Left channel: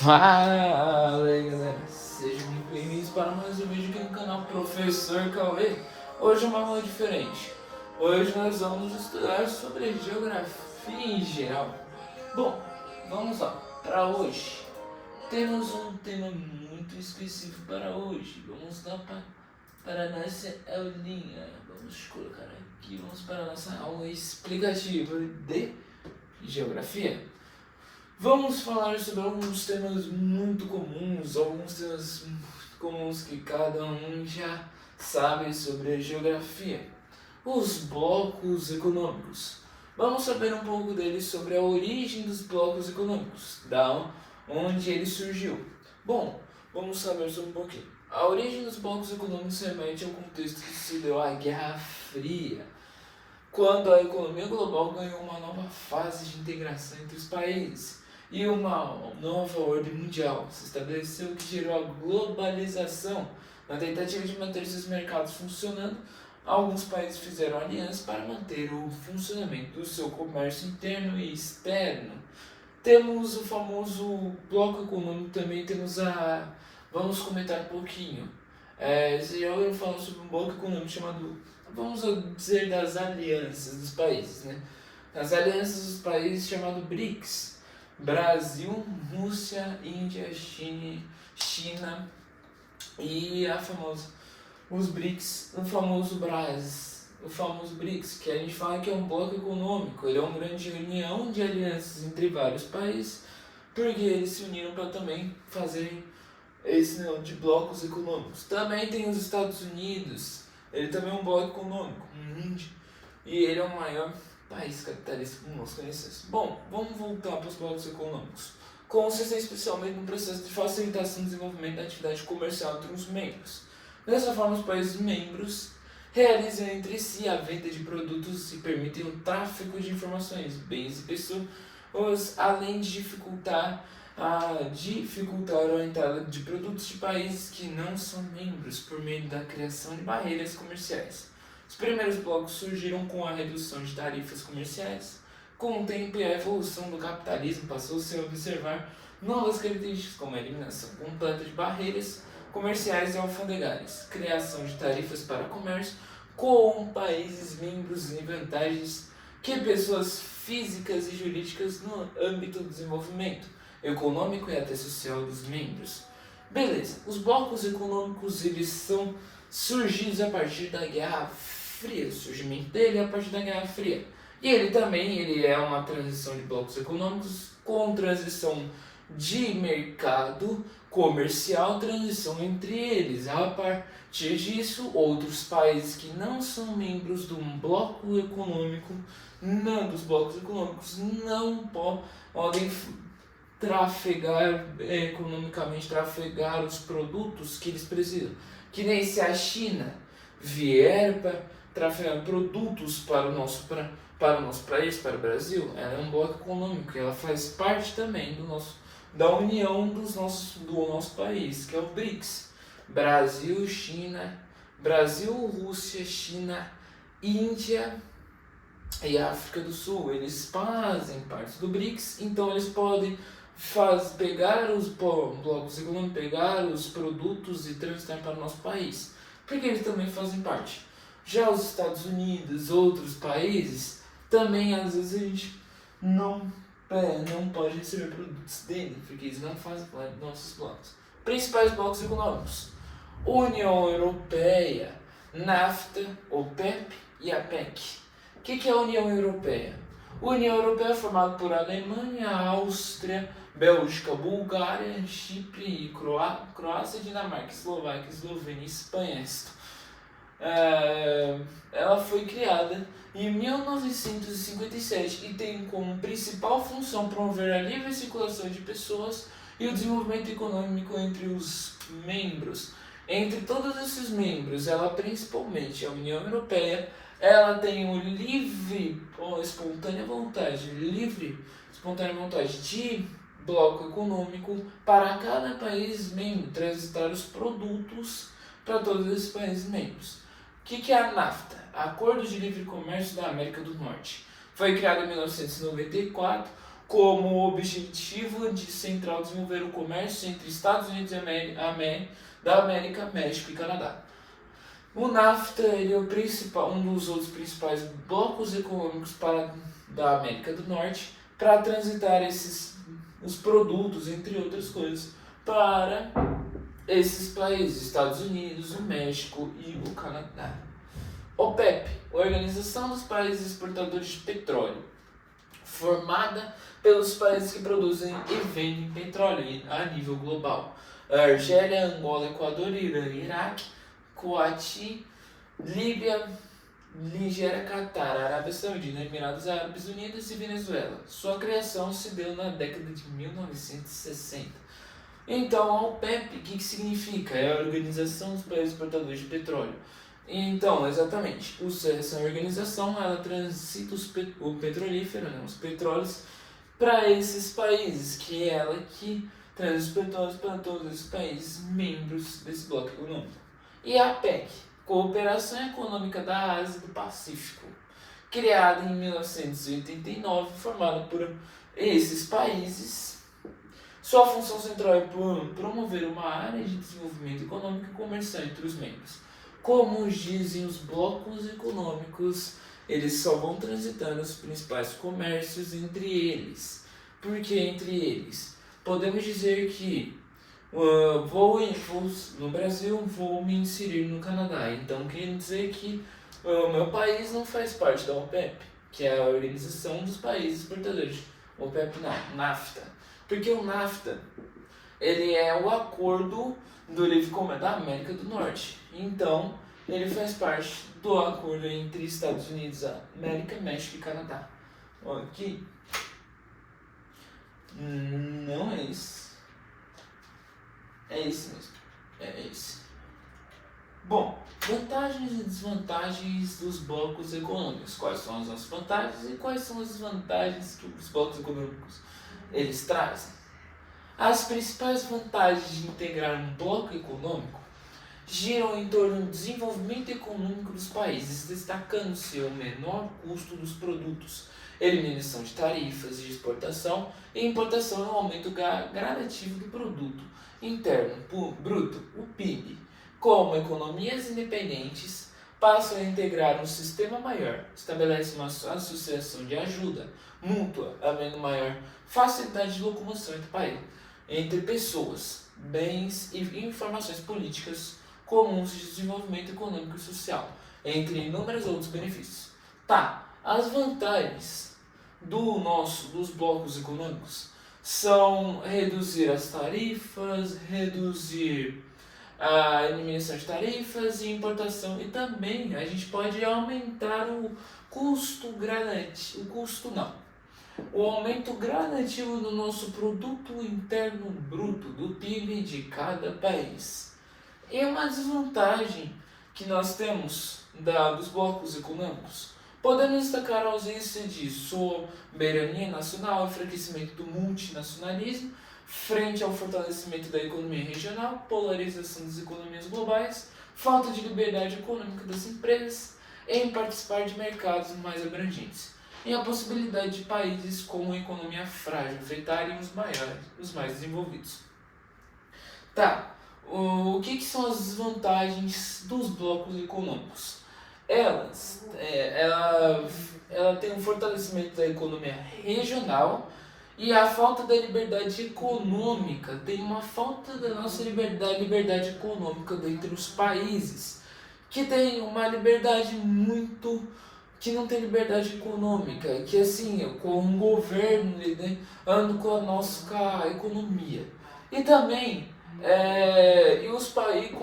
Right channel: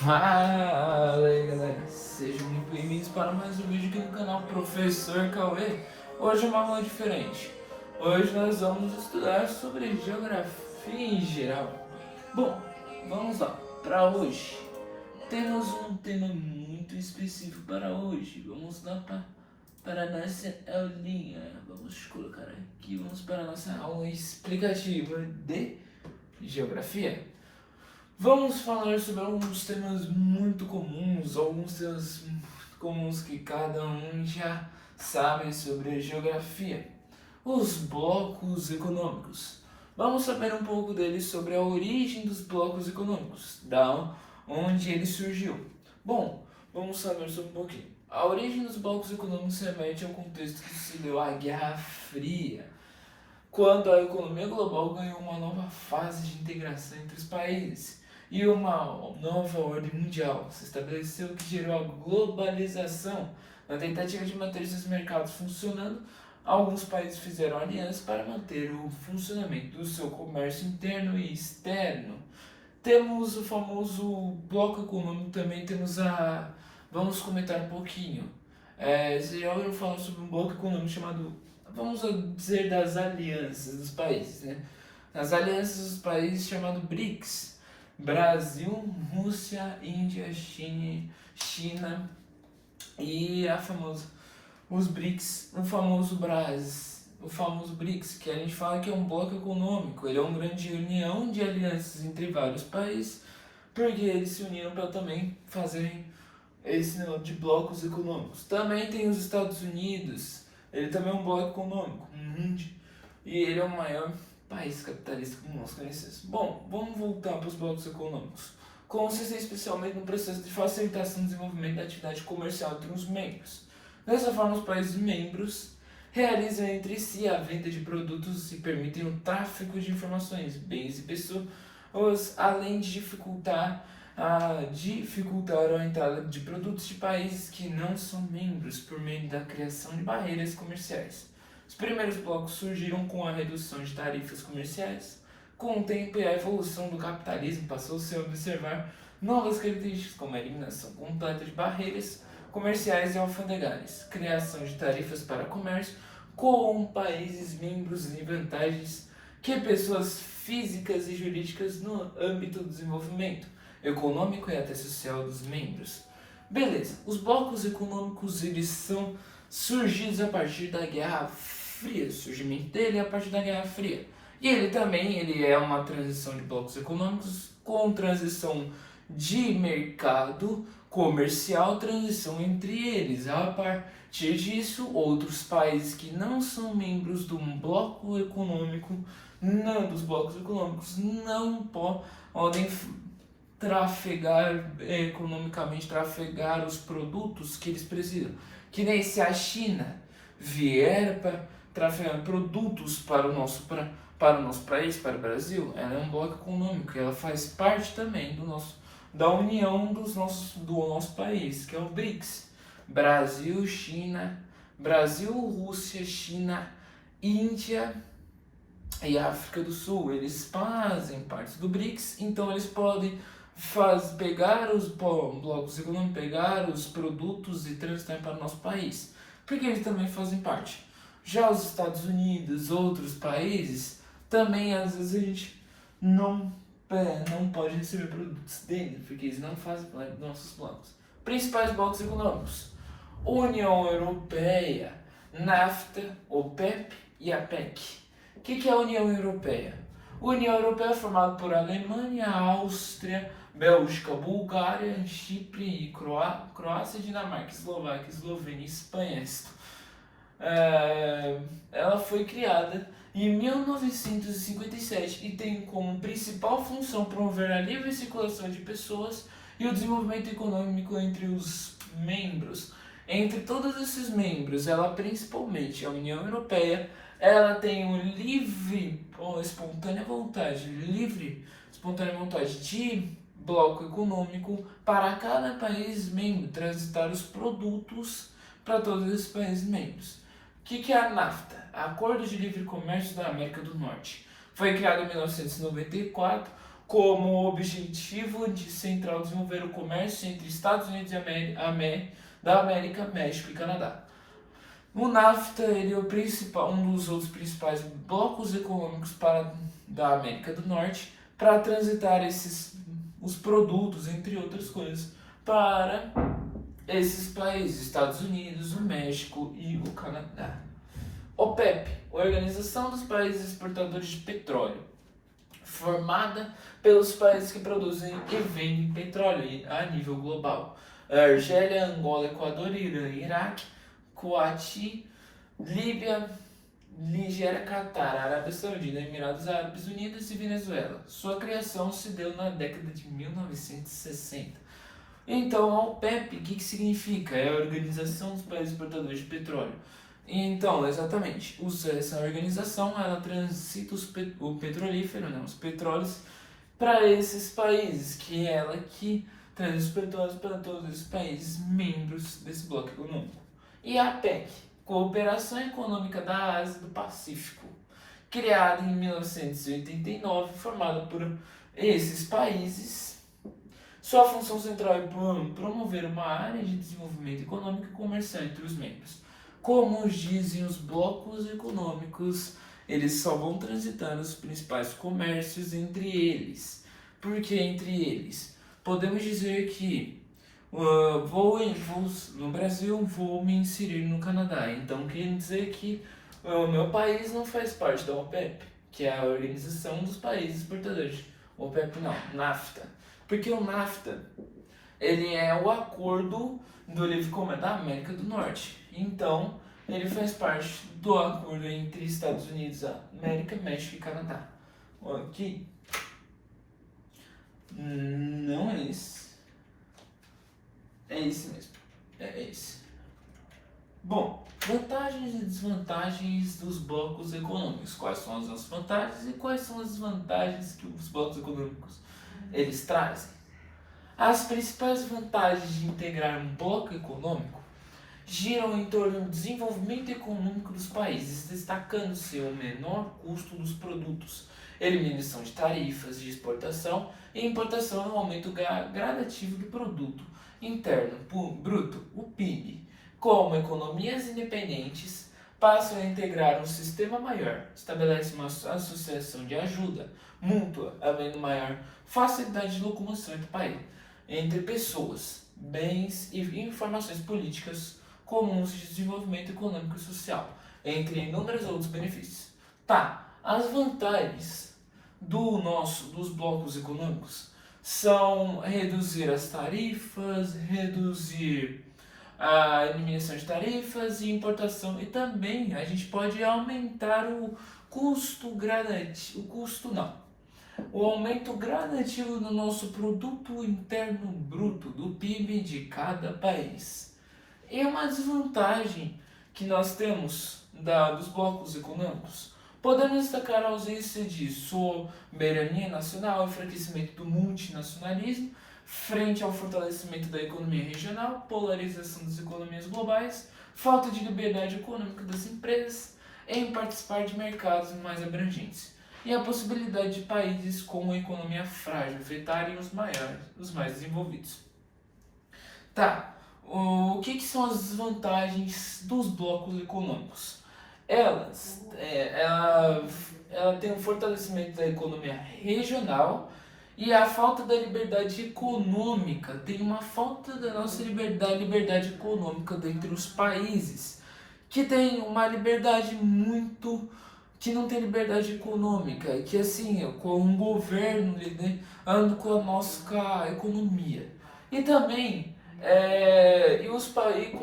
Fala aí galera, sejam muito bem-vindos para mais um vídeo aqui no canal Professor Cauê. Hoje é uma aula diferente. Hoje nós vamos estudar sobre geografia em geral. Bom, vamos lá. Para hoje temos um tema muito específico para hoje. Vamos lá para a nossa aulinha. Vamos colocar aqui, vamos para a nossa aula explicativa de geografia. Vamos falar sobre alguns temas muito comuns, que cada um já sabe sobre a geografia. Os blocos econômicos. Vamos saber um pouco deles sobre a origem dos blocos econômicos, da onde ele surgiu. Bom, vamos saber sobre um pouquinho. A origem dos blocos econômicos remete ao contexto que se deu à Guerra Fria, quando a economia global ganhou uma nova fase de integração entre os países e uma nova ordem mundial se estabeleceu, que gerou a globalização. Na tentativa de manter esses mercados funcionando, alguns países fizeram alianças para manter o funcionamento do seu comércio interno e externo. Temos o famoso bloco econômico, também temos a... Vamos comentar um pouquinho. Você já ouviu falar sobre um bloco econômico chamado, vamos dizer, das alianças dos países, né? As alianças dos países chamado BRICS. Brasil, Rússia, Índia, China e os BRICS, o famoso BRICS, que a gente fala que é um bloco econômico. Ele é uma grande união de alianças entre vários países, porque eles se uniram para também fazer esse negócio de blocos econômicos. Também tem os Estados Unidos, ele também é um bloco econômico, e ele é o maior país capitalista como nós conhecemos. Bom, vamos voltar para os blocos econômicos. Consistem especialmente no processo de facilitação do desenvolvimento da atividade comercial entre os membros. Dessa forma, os países membros realizam entre si a venda de produtos e permitem o tráfego de informações, bens e pessoas, além de dificultar a entrada de produtos de países que não são membros por meio da criação de barreiras comerciais. Os primeiros blocos surgiram com a redução de tarifas comerciais. Com o tempo e a evolução do capitalismo, passou-se a observar novas características, como a eliminação completa de barreiras comerciais e alfandegárias, criação de tarifas para comércio com países membros e vantagens que pessoas físicas e jurídicas no âmbito do desenvolvimento econômico e até social dos membros. Beleza, os blocos econômicos eles são surgidos a partir da Guerra Fria, o surgimento dele é a partir da Guerra Fria. E ele é uma transição de blocos econômicos com transição de mercado comercial, transição entre eles. A partir disso, outros países que não são membros de um bloco econômico, dos blocos econômicos, não podem trafegar os produtos que eles precisam. Que nem se a China vier para trafegar produtos para o nosso país, para o Brasil, ela é um bloco econômico, ela faz parte também da união do nosso país, que é o BRICS. Brasil, Rússia, China, Índia e África do Sul, eles fazem parte do BRICS, então eles podem pegar os blocos econômicos, pegar os produtos e transitar para o nosso país, porque eles também fazem parte. Já os Estados Unidos, outros países, também às vezes a gente não pode receber produtos dele, porque eles não fazem parte dos nossos blocos. Principais blocos econômicos: União Europeia, NAFTA, OPEP e APEC. O que é a União Europeia? A União Europeia é formada por Alemanha, Áustria, Bélgica, Bulgária, Chipre e Croácia, Dinamarca, Eslováquia, Eslovênia e Espanha. Ela foi criada em 1957 e tem como principal função promover a livre circulação de pessoas e o desenvolvimento econômico entre os membros. Entre todos esses membros, principalmente a União Europeia, ela tem o espontânea vontade de bloco econômico para cada país membro transitar os produtos para todos esses países membros. O que é a NAFTA? Acordo de Livre Comércio da América do Norte. Foi criado em 1994. como objetivo de central desenvolver o comércio entre Estados Unidos da América, México e Canadá. O NAFTA ele é um dos outros principais blocos econômicos da América do Norte para transitar os produtos, entre outras coisas, para esses países, Estados Unidos, o México e o Canadá. OPEP, Organização dos Países Exportadores de Petróleo, formada pelos países que produzem e vendem petróleo a nível global. Argélia, Angola, Equador, Irã, Iraque, Kuwait, Líbia, Nigéria, Catar, Arábia Saudita, Emirados Árabes Unidos e Venezuela. Sua criação se deu na década de 1960. Então, a OPEP, o que significa? É a Organização dos Países Exportadores de Petróleo. Então, exatamente, essa organização ela transita o petrolífero, né, os petróleos, para esses países, que é ela que transita os petróleos para todos os países membros desse bloco econômico. E a APEC, Cooperação Econômica da Ásia e do Pacífico, criada em 1989, formada por esses países. Sua função central é promover uma área de desenvolvimento econômico e comercial entre os membros. Como dizem os blocos econômicos, eles só vão transitando os principais comércios entre eles. Por que entre eles? Podemos dizer que no Brasil, vou me inserir no Canadá. Então, quer dizer que o meu país não faz parte da OPEP, que é a Organização dos Países Exportadores. OPEP não, NAFTA. Porque o NAFTA ele é o acordo do livre comércio da América do Norte. Então, ele faz parte do acordo entre Estados Unidos, América, México e Canadá. Aqui. Não é esse. É esse mesmo. É esse. Bom, vantagens e desvantagens dos blocos econômicos. Quais são as nossas vantagens e quais são as desvantagens que os blocos econômicos eles trazem? As principais vantagens de integrar um bloco econômico giram em torno do desenvolvimento econômico dos países, destacando-se o menor custo dos produtos, eliminação de tarifas de exportação e importação no aumento gradativo do produto interno bruto, o PIB. Como economias independentes passam a integrar um sistema maior, estabelece uma associação de ajuda mútua, havendo maior facilidade de locomoção entre pessoas, bens e informações políticas comuns de desenvolvimento econômico e social, entre inúmeros outros benefícios. As vantagens dos blocos econômicos são reduzir as tarifas, reduzir a eliminação de tarifas e importação, e também a gente pode aumentar o o aumento gradativo do nosso produto interno bruto, do PIB de cada país. E uma desvantagem que nós temos dos blocos econômicos, podemos destacar a ausência de soberania nacional, enfraquecimento do multinacionalismo, frente ao fortalecimento da economia regional, polarização das economias globais, falta de liberdade econômica das empresas em participar de mercados mais abrangentes, e a possibilidade de países com economia frágil afetarem os mais desenvolvidos. O que são as desvantagens dos blocos econômicos? Ela tem um fortalecimento da economia regional e a falta da liberdade econômica. Tem uma falta da nossa liberdade econômica dentre os países, que tem uma liberdade que não tem liberdade econômica, que assim, com o governo anda com a nossa economia. E também com os países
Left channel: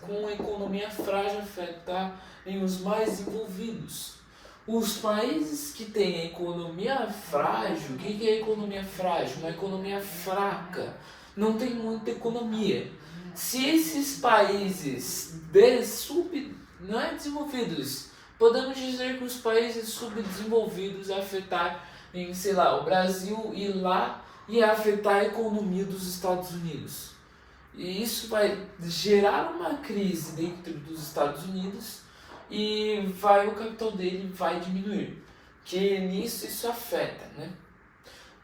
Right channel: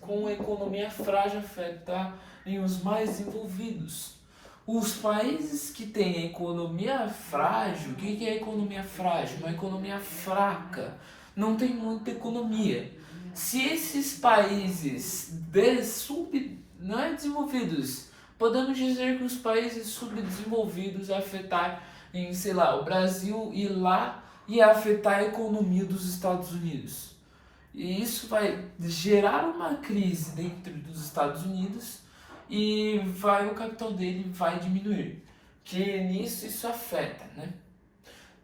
com a economia frágil afetarem os mais desenvolvidos. Os países que têm a economia frágil, o que é economia frágil? Uma economia fraca, não tem muita economia. Se esses países não é desenvolvidos, podemos dizer que os países subdesenvolvidos afetarem, o Brasil ir lá e afetar a economia dos Estados Unidos. E isso vai gerar uma crise dentro dos Estados Unidos e o capital dele vai diminuir. que nisso isso afeta, né?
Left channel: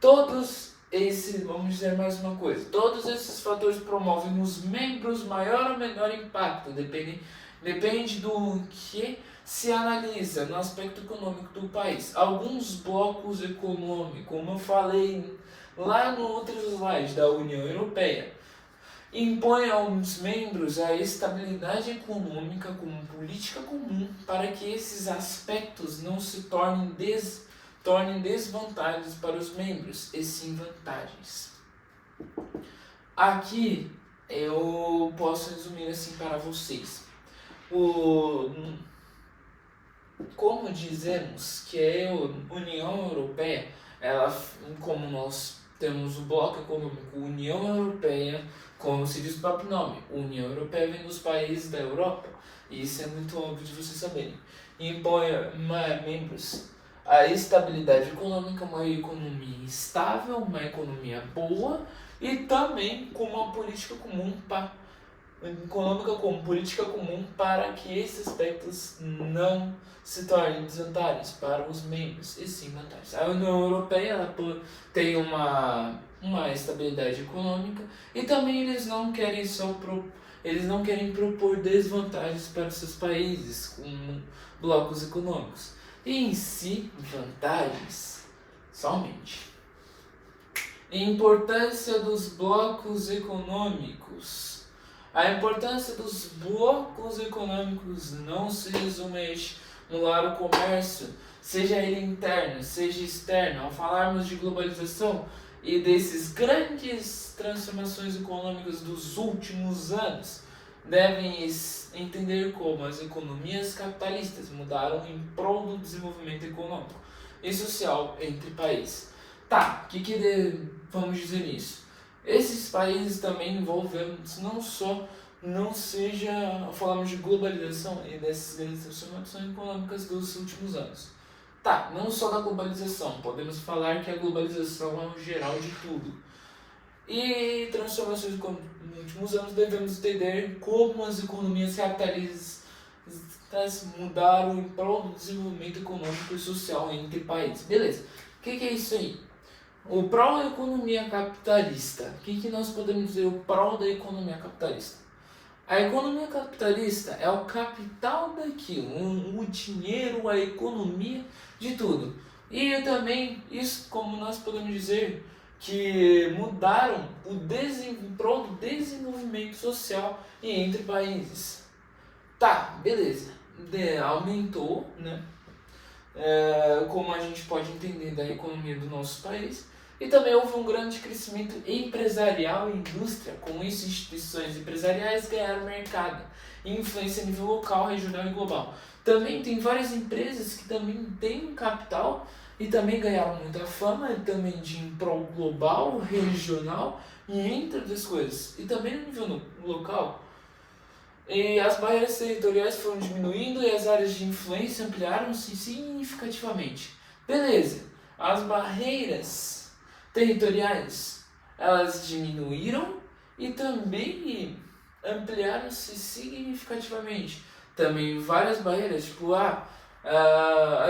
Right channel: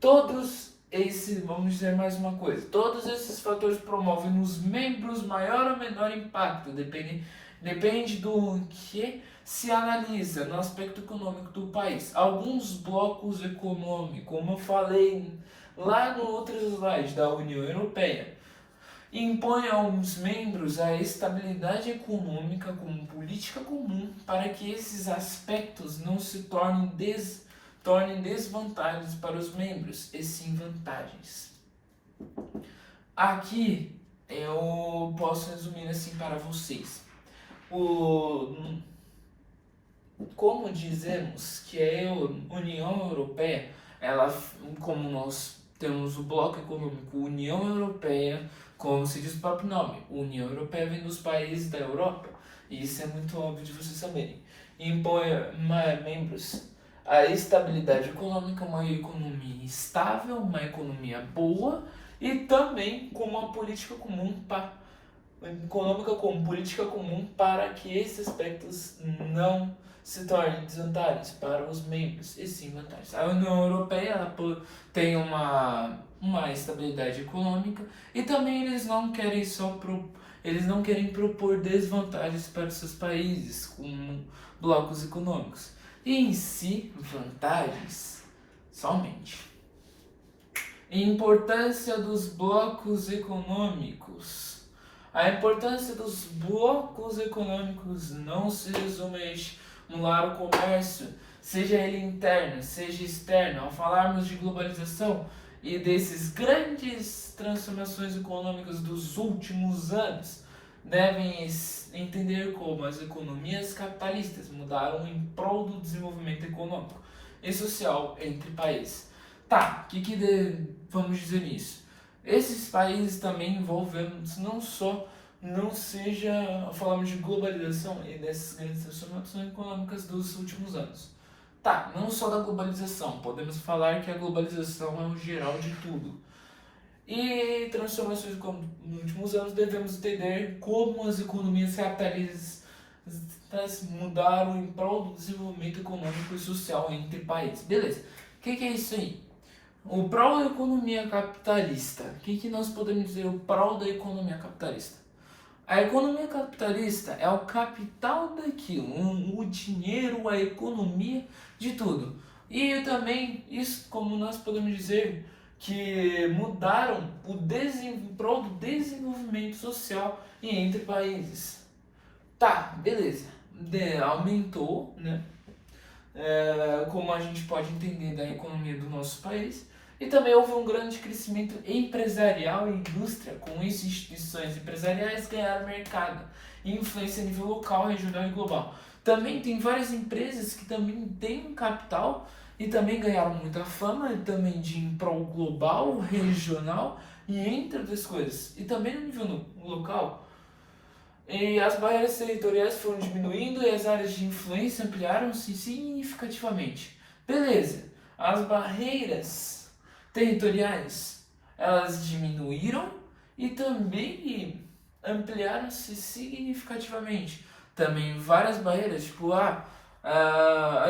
Todos esses, vamos dizer mais uma coisa, todos esses fatores promovem nos membros maior ou menor impacto, depende do que se analisa no aspecto econômico do país. Alguns blocos econômicos, como eu falei lá no outro slide da União Europeia, impõe aos membros a estabilidade econômica como política comum para que esses aspectos não se tornem desvantagens para os membros, e sim vantagens. Aqui eu posso resumir assim para vocês. Como dizemos que a União Europeia, ela, como nós temos o bloco econômico União Europeia, como se diz o próprio nome, União Europeia vem dos países da Europa, e isso é muito óbvio de vocês saberem. Impõe membros a estabilidade econômica, uma economia estável, uma economia boa, e também com uma política comum econômica como política comum para que esses aspectos não se tornem desvantagens para os membros, e sim vantagens. A União Europeia ela tem uma estabilidade econômica e também eles não querem propor desvantagens para os seus países com blocos econômicos. E em si, vantagens somente. Importância dos blocos econômicos. A importância dos blocos econômicos não se resume a estimular o comércio, seja ele interno, seja externo. Ao falarmos de globalização e desses grandes transformações econômicas dos últimos anos, devem entender como as economias capitalistas mudaram em prol do desenvolvimento econômico e social entre países. Tá, o que vamos dizer nisso? Esses países também envolvemos não seja, falamos de globalização e dessas grandes transformações econômicas dos últimos anos. Tá, não só da globalização, podemos falar que a globalização é o geral de tudo. E transformações nos últimos anos devemos entender como as economias capitalistas mudaram em prol do desenvolvimento econômico e social entre países. Beleza, o que é isso aí? O prol da economia capitalista. O que nós podemos dizer o prol da economia capitalista? A economia capitalista é o capital daquilo, o dinheiro, a economia de tudo. E também, isso como nós podemos dizer, que mudaram em prol do desenvolvimento social e entre países. Tá, beleza. Aumentou, né? Como a gente pode entender da economia do nosso país. E também houve um grande crescimento empresarial e indústria, com isso instituições empresariais ganharam mercado e influência a nível local, regional e global. Também tem várias empresas que também têm um capital e também ganharam muita fama, e também de em prol global, regional e entre outras coisas. E também no nível local. E as barreiras territoriais foram diminuindo e as áreas de influência ampliaram-se significativamente. Beleza, as barreiras territoriais, elas diminuíram e também ampliaram-se significativamente. Também várias barreiras, tipo, a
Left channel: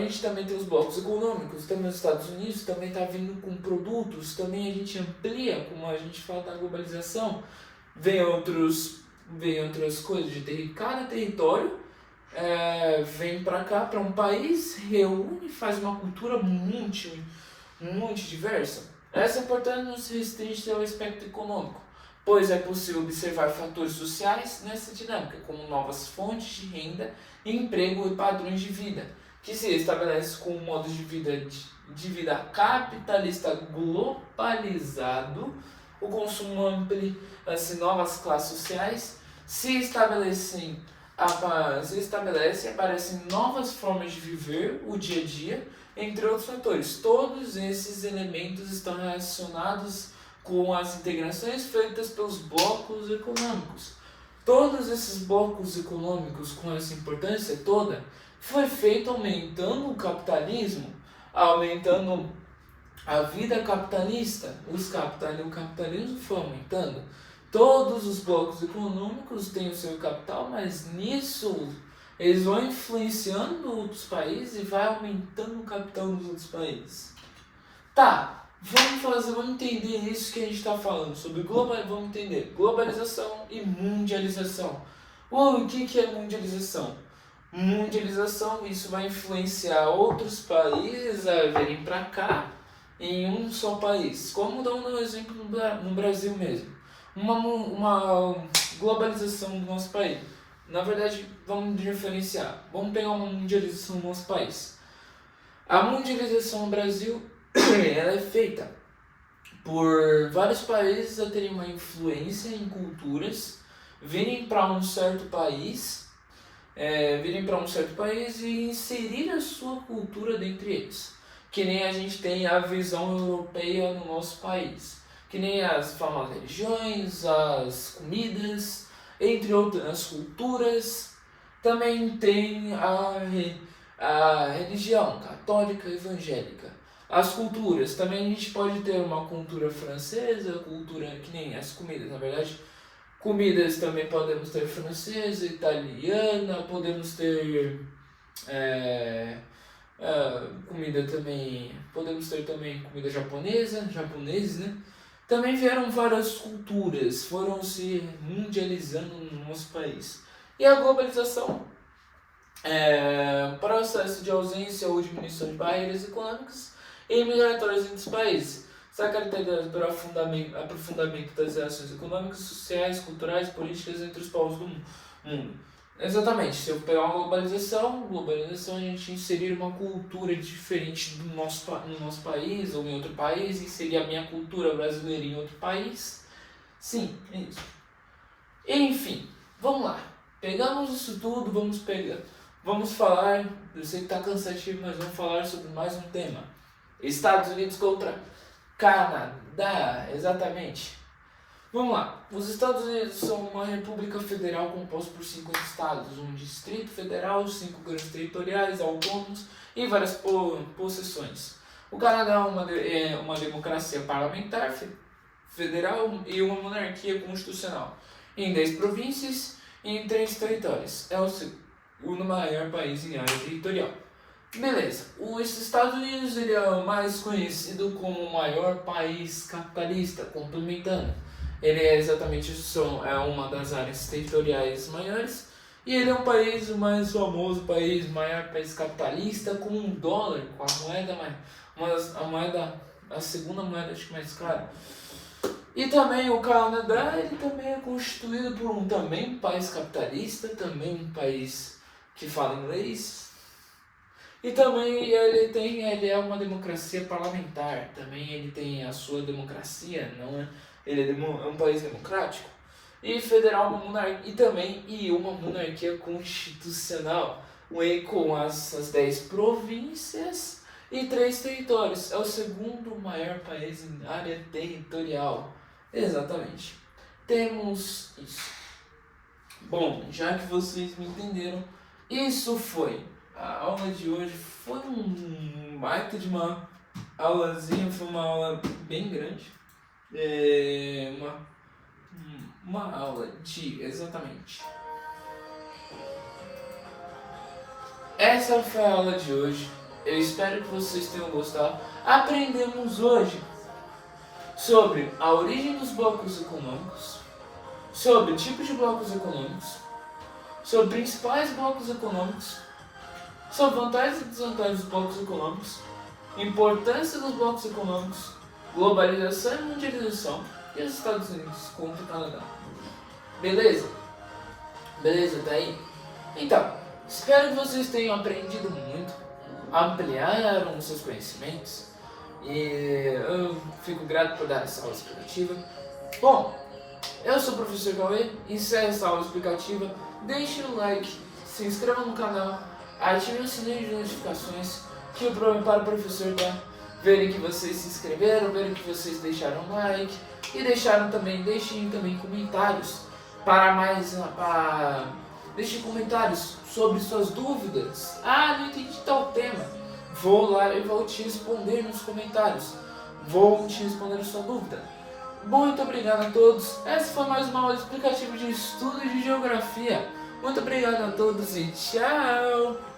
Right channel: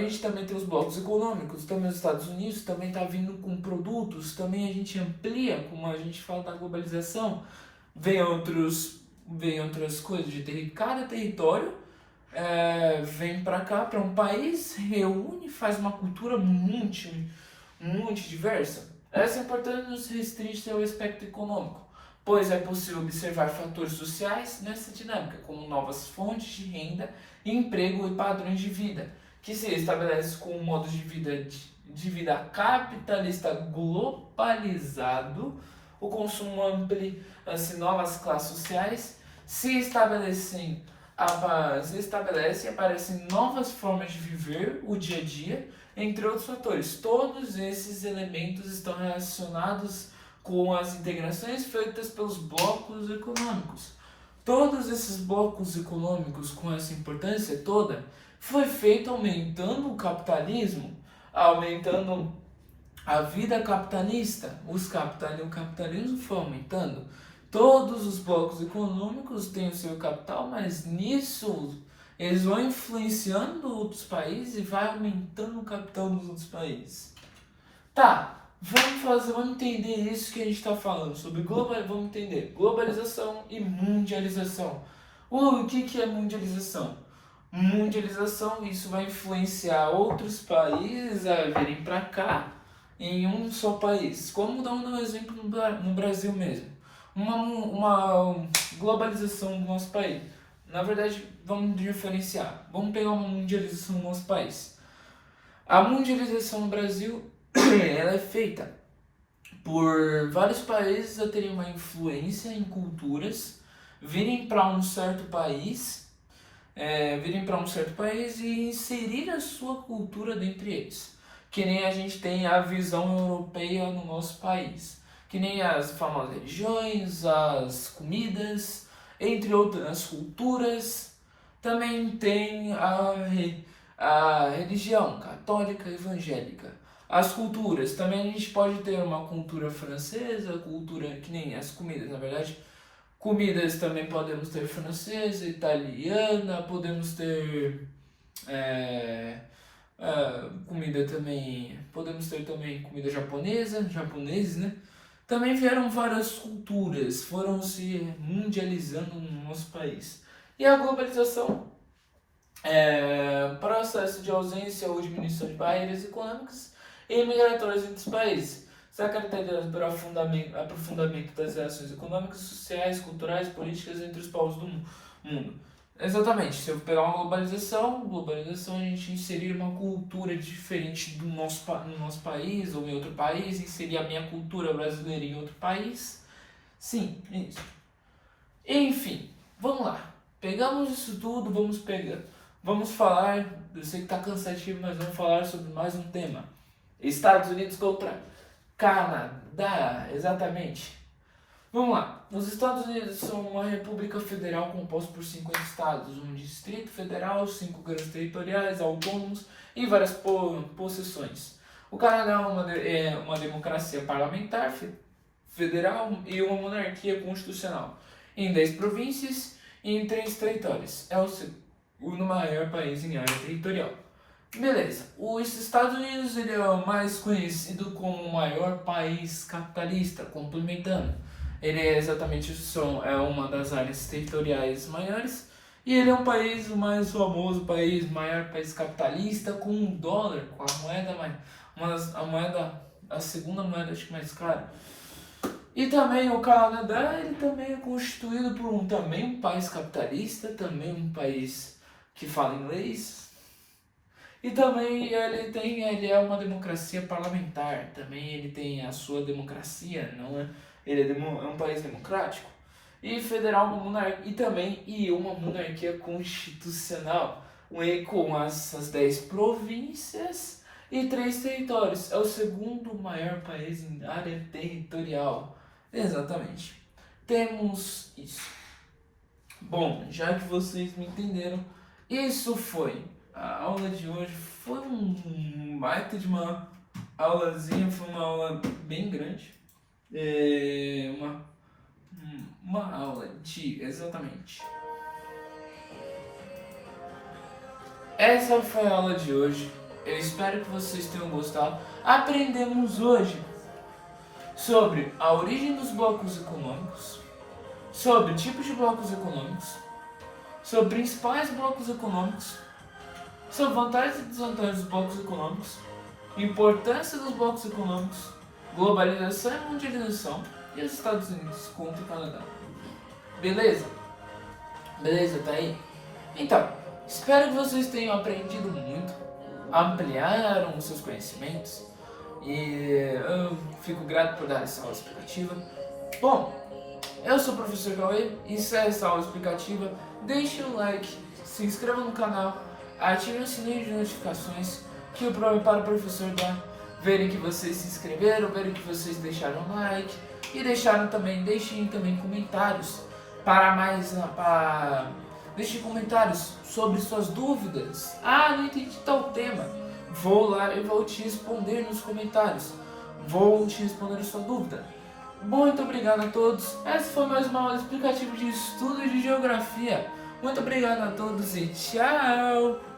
gente também tem os blocos econômicos, também os Estados Unidos também está vindo com produtos, também a gente amplia, como a gente fala da globalização, vem outras coisas, cada território vem para cá, para um país, reúne, faz uma cultura muito diversa. Essa importância não se restringe ao aspecto econômico, pois é possível observar fatores sociais nessa dinâmica, como novas fontes de renda, emprego e padrões de vida, que se estabelecem com um modo de vida capitalista globalizado, o consumo amplo, novas classes sociais se estabelecem e aparecem novas formas de viver o dia a dia, entre outros fatores. Todos esses elementos estão relacionados com as integrações feitas pelos blocos econômicos. Todos esses blocos econômicos com essa importância toda foi feito aumentando o capitalismo, aumentando a vida capitalista. O capitalismo foi aumentando. Todos os blocos econômicos têm o seu capital, mas nisso Eles vão influenciando outros países e vai aumentando o capital dos outros países. Tá, vamos entender isso que a gente está falando sobre vamos entender globalização e mundialização. O que é mundialização? Mundialização, isso vai influenciar outros países a virem para cá em um só país. Como dar um exemplo no Brasil mesmo. Uma globalização do nosso país. Na verdade, vamos diferenciar. Vamos pegar uma mundialização do nosso país. A mundialização no Brasil ela é feita por vários países a terem uma influência em culturas, virem para um certo país, e inserir a sua cultura dentre eles. Que nem a gente tem a visão europeia no nosso país. Que nem as famosas religiões, as comidas, entre outras culturas. Também tem a religião católica e evangélica. As culturas, também a gente pode ter uma cultura francesa, cultura que nem as comidas, na verdade. Comidas também podemos ter francesa, italiana, podemos ter comida também, podemos ter também comida japoneses, né? Também vieram várias culturas, foram se mundializando no nosso país. E a globalização processo de ausência ou diminuição de barreiras econômicas e migratórias entre os países. Está caracterizado pelo aprofundamento das relações econômicas, sociais, culturais e políticas entre os povos do mundo. Exatamente, se eu pegar uma globalização a gente inserir uma cultura diferente no nosso país ou em outro país, inserir a minha cultura brasileira em outro país. Sim, é isso. Enfim, vamos lá. Pegamos isso tudo, vamos falar, eu sei que está cansativo, mas vamos falar sobre mais um tema. Estados Unidos contra Canadá, exatamente. Vamos lá. Os Estados Unidos são uma república federal composta por 5 estados, um distrito federal, 5 grandes territoriais, autônomos e várias possessões. O Canadá é uma democracia parlamentar federal e uma monarquia constitucional, em 10 províncias e em 3 territórios. É o segundo maior país em área territorial. Beleza, os Estados Unidos ele é o mais conhecido como o maior país capitalista, complementando. Ele é exatamente uma das áreas territoriais maiores e ele é um país, o mais famoso país, maior país capitalista com um dólar, com a moeda, a segunda moeda acho que mais cara. E também o Canadá, ele também é constituído por um país capitalista, também um país que fala inglês. E também ele é uma democracia parlamentar, também ele tem a sua democracia, não é? Ele é um país democrático e federal e uma monarquia constitucional, com as 10 províncias e 3 territórios. É o segundo maior país em área territorial. Exatamente. Temos isso. Bom, já que vocês me entenderam, isso foi a aula de hoje. Foi um baita de uma aulazinha, foi uma aula bem grande. Uma aula de exatamente. Essa foi a aula de hoje. Eu espero que vocês tenham gostado. Aprendemos hoje sobre a origem dos blocos econômicos, sobre tipos de blocos econômicos, sobre principais blocos econômicos, sobre vantagens e desvantagens dos blocos econômicos, importância dos blocos econômicos, globalização e mundialização e os Estados Unidos contra o Canadá. Beleza? Beleza, tá aí? Então, espero que vocês tenham aprendido muito, ampliaram os seus conhecimentos e eu fico grato por dar essa aula explicativa. Bom, eu sou o professor Cauê e se é essa aula explicativa, deixe um like, se inscreva no canal, ative o sininho de notificações para o professor verem que vocês se inscreveram, verem que vocês deixaram like e deixem também comentários deixem comentários sobre suas dúvidas. Não entendi tal tema. Vou lá e vou te responder nos comentários. Vou te responder a sua dúvida. Muito obrigado a todos. Essa foi mais uma aula explicativa de estudo de geografia. Muito obrigado a todos e tchau!